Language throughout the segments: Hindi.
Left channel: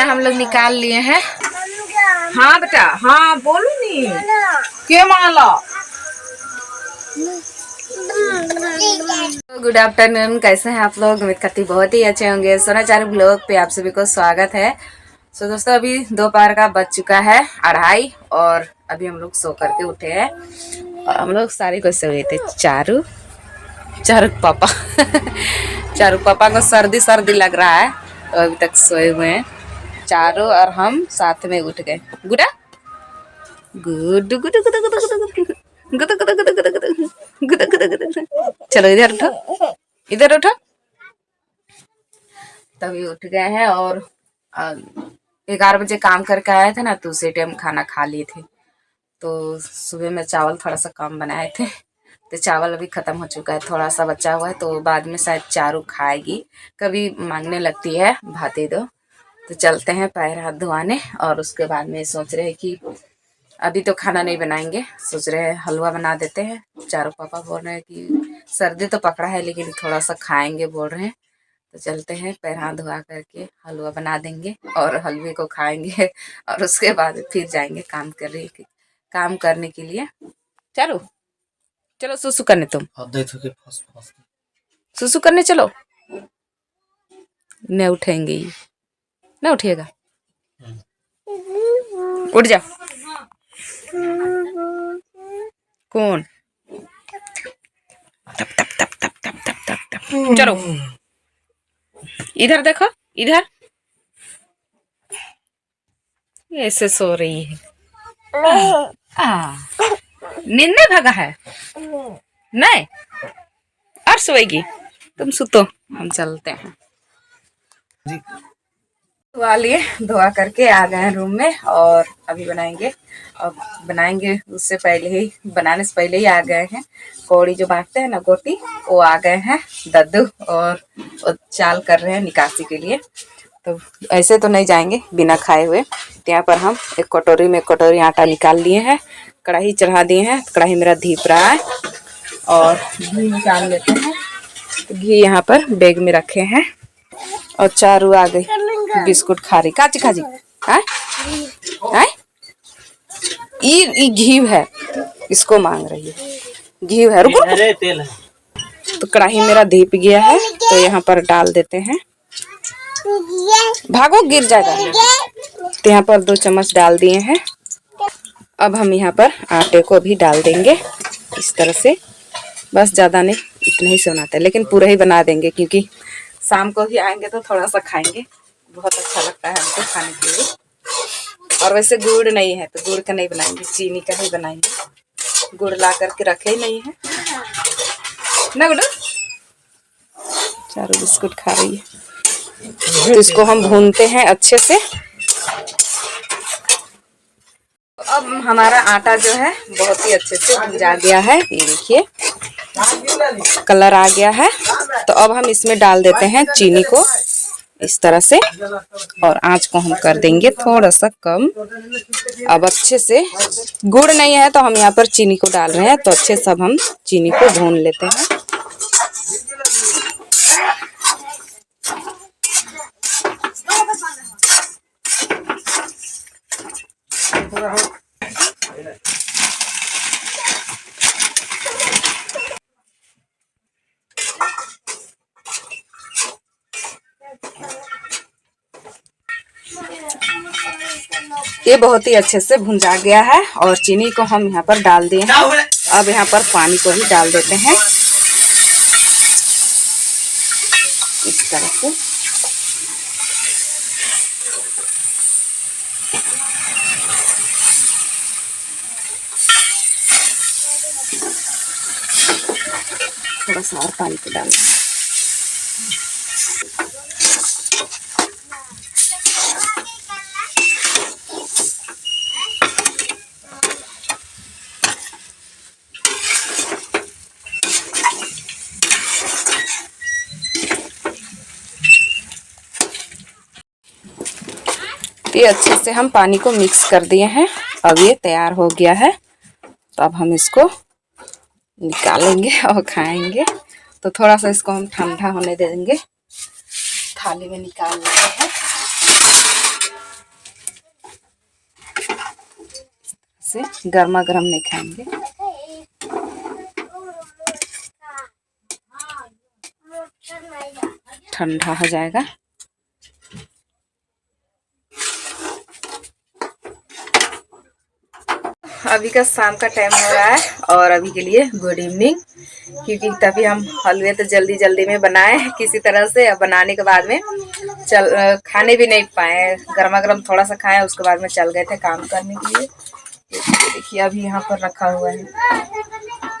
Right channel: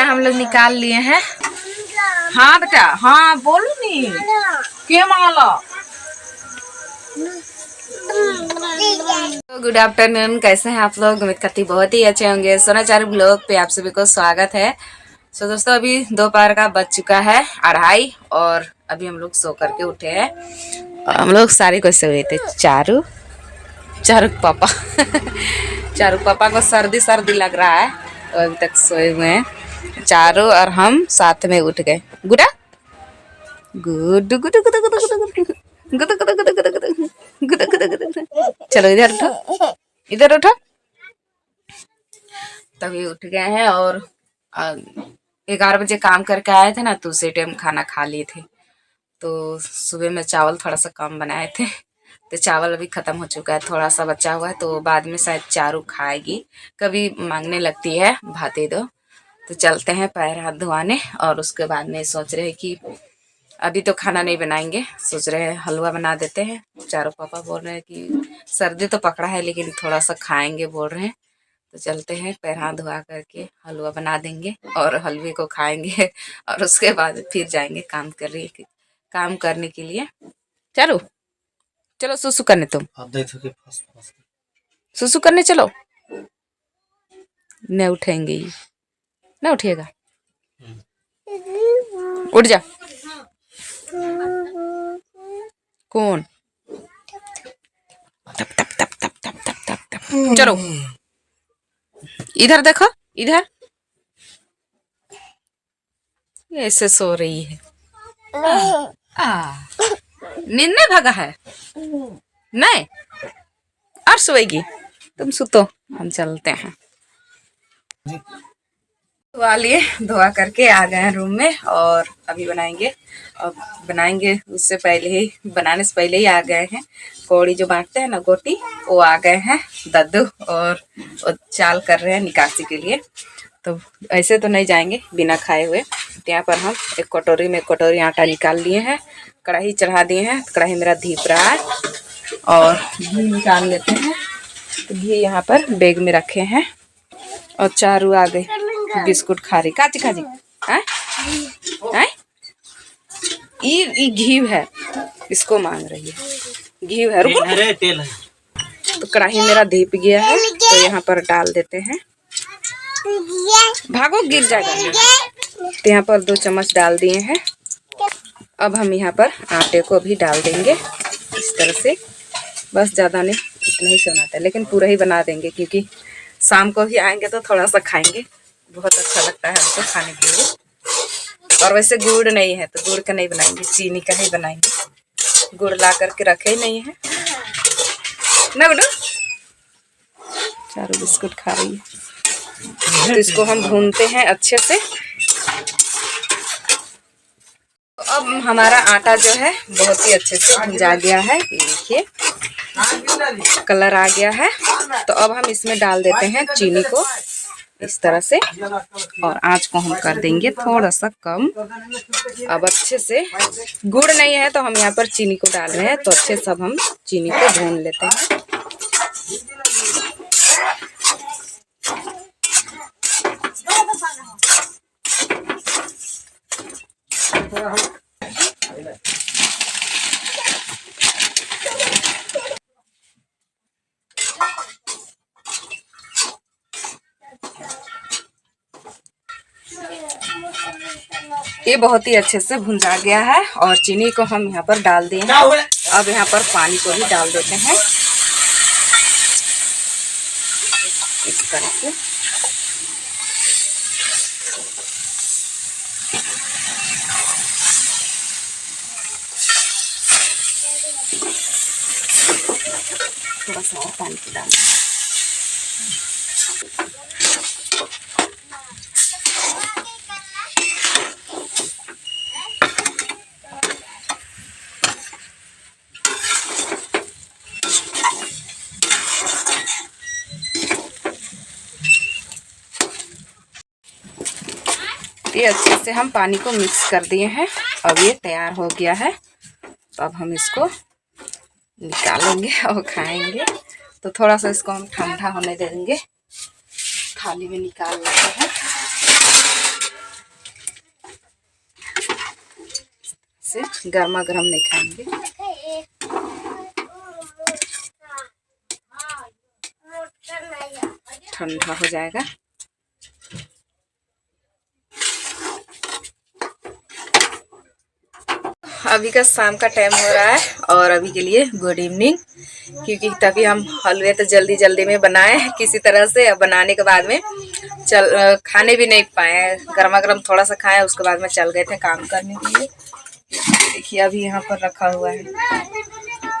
खाना हम लोग निकाल लिए हैं। हाँ बेटा, हाँ बोलू नी के माला। गुड आफ्टरनून, कैसे हैं आप लोग? उम्मीद करती बहुत ही अच्छे होंगे। सोनाचार ब्लॉग पे आप सभी को स्वागत है। सो दोस्तों, अभी दोपहर का बज चुका है 2:30 और अभी हम लोग सो करके उठे हैं। हम लोग सारे को सोए थे। चारू पापा चारू पापा को सर्दी लग रहा है तो अभी तक सोए हुए हैं। चारू और हम साथ में उठ गए। गुडा गुड गुड गुड गुड गुड गुद गुद गुद गुद गुद गुद गुद। चलो इधर उठो, इधर उठो। तभी उठ गए हैं और 11 बजे काम करके आए थे ना, तो उसी टाइम खाना खा लिए थे। तो सुबह में चावल थोड़ा सा कम बनाए थे, तो चावल अभी ख़त्म हो चुका है। थोड़ा सा बचा हुआ है, तो बाद में शायद चारू खाएगी। कभी मांगने लगती है भात दे दो। तो चलते हैं पैर हाथ धोआने और उसके बाद में सोच रहे हैं कि अभी तो खाना नहीं बनाएंगे, सोच रहे हैं हलवा बना देते हैं। चारू पापा बोल रहे हैं कि सर्दी तो पकड़ा है लेकिन थोड़ा सा खाएंगे बोल रहे हैं। तो चलते हैं, पैर हाथ धोआ करके हलवा बना देंगे और हलवे को खाएंगे और उसके बाद फिर जाएंगे काम करने के लिए। चलो चलो सुसु करने, तुम सुसु करने चलो। नहीं उठेंगे, ये नहीं उठिएगा, उठ जा। कौन? तप तप तप तप तप तप तप तप। चलो इधर देखो, इधर ऐसे सो रही है। नींद नहीं भागा है? नहीं, और सोएगी? तुम सुतो, हम चलते हैं। धोआ लिए, धोआ करके आ गए हैं रूम में और अभी बनाएंगे। और बनाएंगे उससे पहले ही, बनाने से पहले ही आ गए हैं। कौड़ी जो बांटते हैं ना, गोटी, वो आ गए हैं दद्दू और चाल कर रहे हैं निकासी के लिए। तो ऐसे तो नहीं जाएंगे बिना खाए हुए। तो यहाँ पर हम एक कटोरी में कटोरी आटा निकाल लिए हैं, कढ़ाई चढ़ा दिए हैं। कढ़ाई मेरा धीप रहा है और घी निकाल लेते हैं। तो घी यहाँ पर बैग में रखे हैं और चारू आ गई बिस्कुट खा रही। काची खाजी है, ये घी है, इसको मांग रही है। घी है, रुको। तेल है। तो कढ़ाई मेरा धीप गया है, तो यहाँ पर डाल देते हैं। भागो, गिर जाएगा। तो यहाँ पर 2 चम्मच डाल दिए हैं। अब हम यहाँ पर आटे को भी डाल देंगे इस तरह से। बस ज़्यादा नहीं, इतना ही से बनाते हैं, लेकिन पूरा ही बना देंगे क्योंकि शाम को भी आएंगे तो थोड़ा सा खाएंगे। बहुत अच्छा लगता है हमको खाने के लिए। और वैसे गुड़ नहीं है तो गुड़ का नहीं बनाएंगे, चीनी का ही बनाएंगे। गुड़ ला करके रखे ही नहीं है ना। गुड्डू चारू बिस्कुट खा रही है। तो इसको हम भूनते हैं अच्छे से। अब हमारा आटा जो है बहुत ही अच्छे से भुंजा गया है। ये देखिए कलर आ गया है। तो अब हम इसमें डाल देते हैं चीनी को इस तरह से, और आंच को हम कर देंगे थोड़ा सा कम। अब अच्छे से, गुड़ नहीं है तो हम यहाँ पर चीनी को डाल रहे हैं। तो अच्छे से अब हम चीनी को भून लेते हैं। ये बहुत ही अच्छे से भुंजा गया है और चीनी को हम यहाँ पर डाल दिए हैं। अब यहाँ पर पानी को भी डाल देते हैं इस तरह से। थोड़ा सा और पानी को डालना है। ये अच्छे से हम पानी को मिक्स कर दिए हैं। अब ये तैयार हो गया है। तो अब हम इसको निकालेंगे और खाएंगे। तो थोड़ा सा इसको हम ठंडा होने देंगे। थाली में निकाल लेते हैं। से गर्मा गर्म नहीं खाएंगे। ठंडा हो जाएगा। अभी का शाम का टाइम हो रहा है और अभी के लिए गुड इवनिंग, क्योंकि तभी हम हलवे तो जल्दी जल्दी में बनाए किसी तरह से। अब बनाने के बाद में खाने भी नहीं पाए, गर्मा गर्म थोड़ा सा खाए, उसके बाद में चल गए थे काम करने के लिए। देखिए अभी यहाँ पर रखा हुआ है,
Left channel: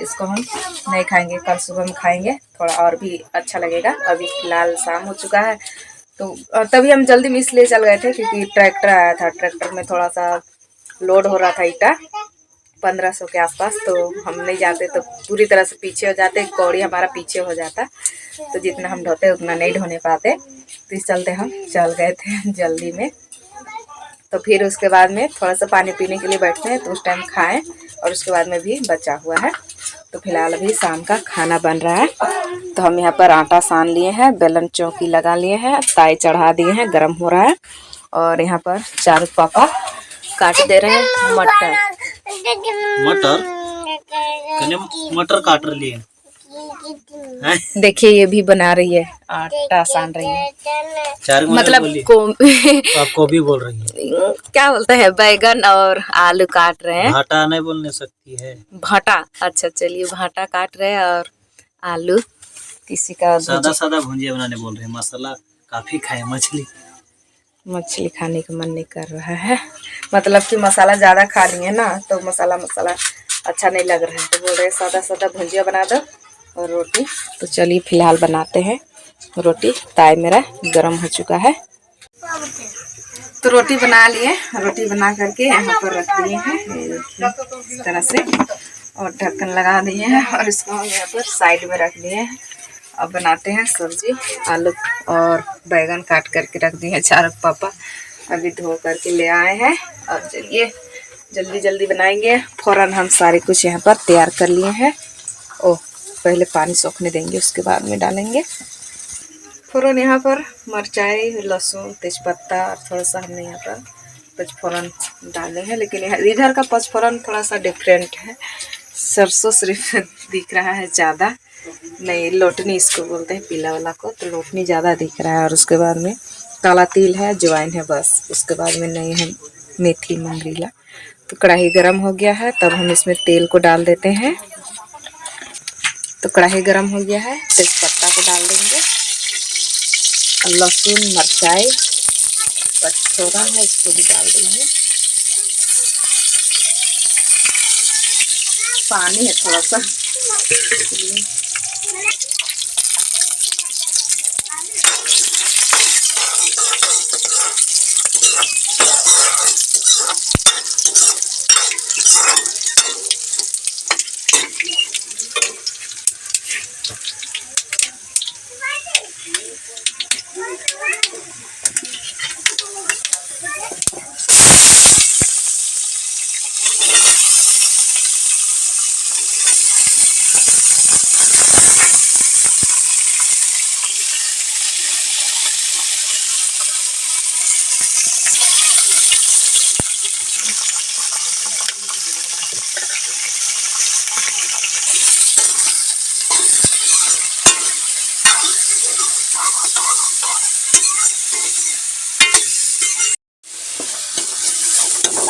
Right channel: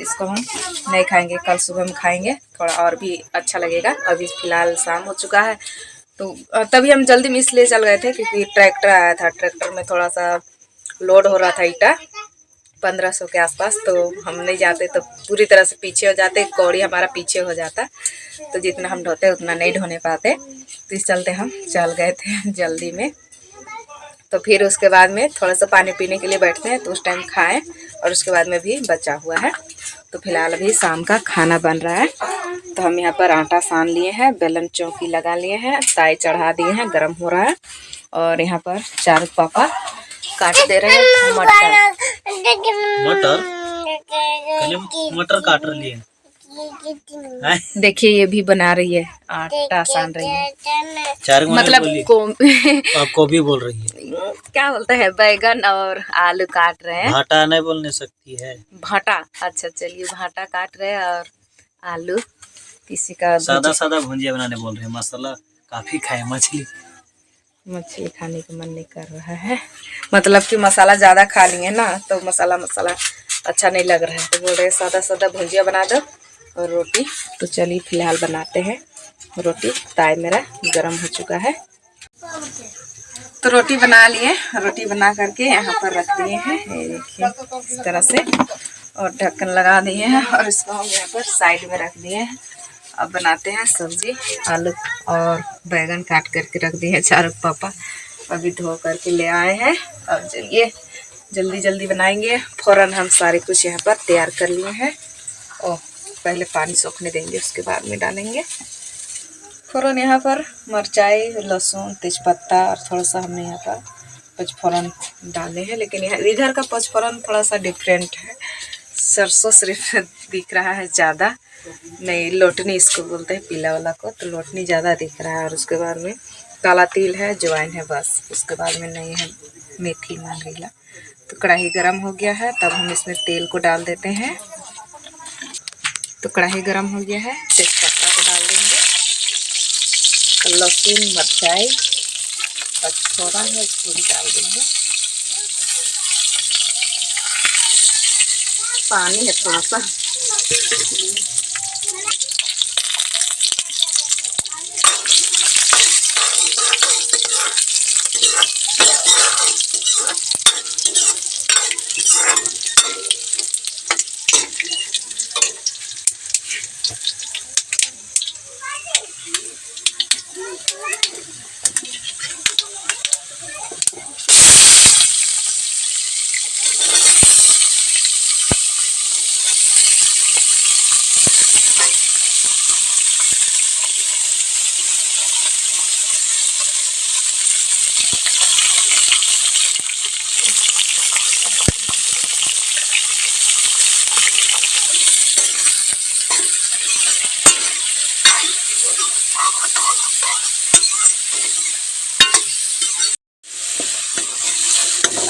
इसको हम नहीं खाएंगे, कल सुबह में खाएंगे, थोड़ा और भी अच्छा लगेगा। अभी फिलहाल शाम हो चुका है, तो तभी हम जल्दी में इसलिए चल गए थे क्योंकि ट्रैक्टर आया था। ट्रैक्टर में थोड़ा सा लोड हो रहा था ईटा 1500 के आसपास, तो हम नहीं जाते तो पूरी तरह से पीछे हो जाते, कौड़ी हमारा पीछे हो जाता, तो जितना हम ढोते उतना नहीं ढोने पाते, तो इस चलते हम चल गए थे जल्दी में। तो फिर उसके बाद में थोड़ा सा पानी पीने के लिए बैठते हैं, तो उस टाइम खाएं, और उसके बाद में भी बचा हुआ है। तो फिलहाल अभी शाम का खाना बन रहा है। तो हम यहाँ पर आटा सान लिए हैं, बेलन चौकी लगा लिए हैं, ताई चढ़ा दिए हैं, गर्म हो रहा है। और यहाँ पर चारू पापा काट दे रहे हैं मटर। मटर काट रही है। देखिए ये भी बना रही है, आटा सान रही है, मतलब आपको भी बोल रही है। क्या बोलते हैं, बैगन और आलू काट रहे हैं। भाटा नहीं बोलने सकती है, भाटा। अच्छा चलिए, भाटा काट रहे हैं और आलू किसी का सादा सादा भुंजिया बनाने बोल रहे हैं। मसाला काफी खाए, मछली खाने का मन नहीं कर रहा है, मतलब कि मसाला ज़्यादा खा लिए ना, तो मसाला अच्छा नहीं लग रहा है, तो बोल रहे हैं सादा सादा भुंजिया बना दो और रोटी। तो चलिए फिलहाल बनाते हैं रोटी। ताई मेरा गरम हो चुका है, तो रोटी बना लिए। रोटी बना करके यहाँ पर रख दिए हैं, ये देखिए इस तरह से, और ढक्कन लगा दिए हैं, और इसको हम यहाँ पर साइड में रख दिए हैं। अब बनाते हैं सब्जी। आलू और बैगन काट करके रख दिए हैं, चारों पापा अभी धो करके ले आए हैं। अब चलिए जल्दी जल्दी बनाएंगे। फ़ौरन हम सारे कुछ यहाँ पर तैयार कर लिए हैं। ओह, पहले पानी सोखने देंगे, उसके बाद में डालेंगे। फ़ौरन यहाँ पर मिरचाई, लहसुन, तेज़पत्ता और थोड़ा सा हमने यहाँ पर पचफोरन डाले हैं, लेकिन यहाँ इधर का पचफोरन थोड़ा सा डिफरेंट है। सरसों सिर्फ दिख रहा है ज़्यादा, नहीं लोटनी इसको बोलते हैं पीला वाला को, तो लोटनी ज़्यादा दिख रहा है। और उसके बाद में काला तिल है, अजवाइन है, बस। उसके बाद में नहीं है मेथी, मंगरीला। तो कढ़ाई गरम हो गया है, तब हम इसमें तेल को डाल देते हैं। तो कढ़ाई गरम हो गया है, तेज़पत्ता को डाल देंगे, लहसुन, मिरचाई, पचफोरन है, इसको भी डाल देंगे। पानी है थोड़ा सा,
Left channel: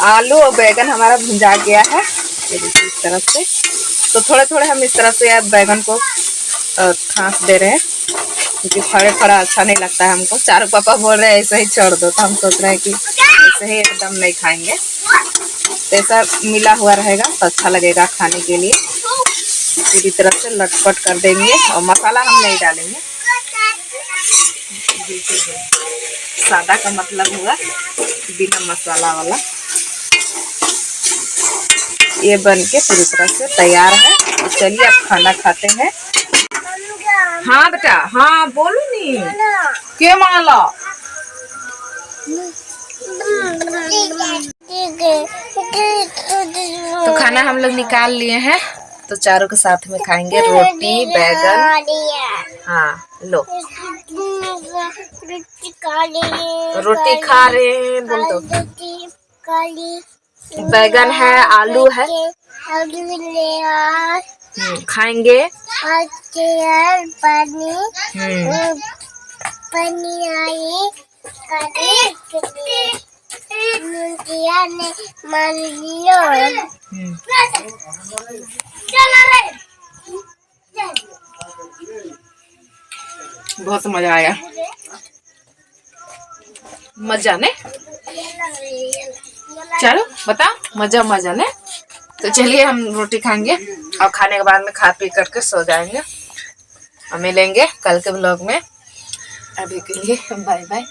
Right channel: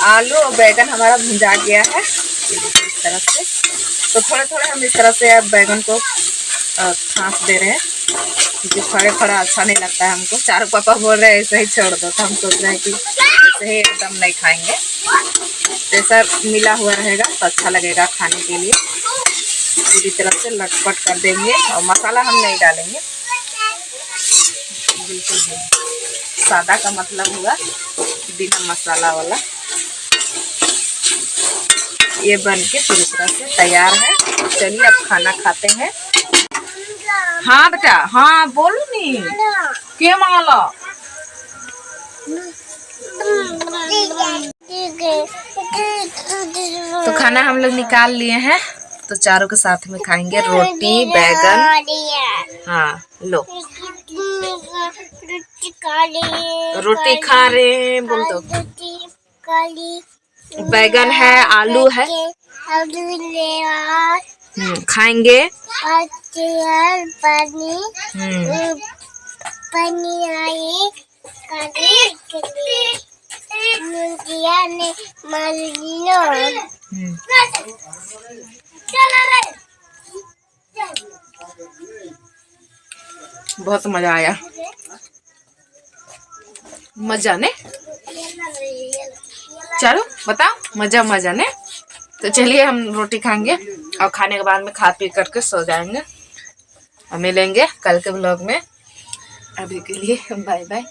आलू और बैगन हमारा भुंजा गया है, ये देखिए इस तरह से। तो थोड़े थोड़े हम इस तरह से अब बैगन को खास दे रहे हैं, क्योंकि फड़े फड़ा अच्छा नहीं लगता है हमको। चारों पापा बोल रहे हैं ऐसे ही छोड़ दो, तो हम सोच रहे हैं कि ऐसे ही एकदम नहीं खाएंगे, तो ऐसा मिला हुआ रहेगा तो अच्छा लगेगा खाने के लिए। पूरी तरह से लटपट कर देंगे, और मसाला हम नहीं डालेंगे, बिल्कुल सादा का मतलब हुआ बिना मसाला वाला। ये बन के पूरी तरह से तैयार है। तो चलिए अब खाना खाते हैं। हाँ बेटा, हाँ बोलो नी के माला। तो खाना हम लोग निकाल लिए हैं, तो चारों के साथ में खाएंगे रोटी बैगन। हाँ लो रोटी खा रहे हैं बोल दो। बैगन है आलू है खाएंगे। बहुत मजा आया मजा ने चलो बता मजा ने। तो चलिए हम रोटी खाएंगे और खाने के बाद में खा पी करके सो जाएंगे और मिलेंगे कल के व्लॉग में। अभी के लिए बाय बाय।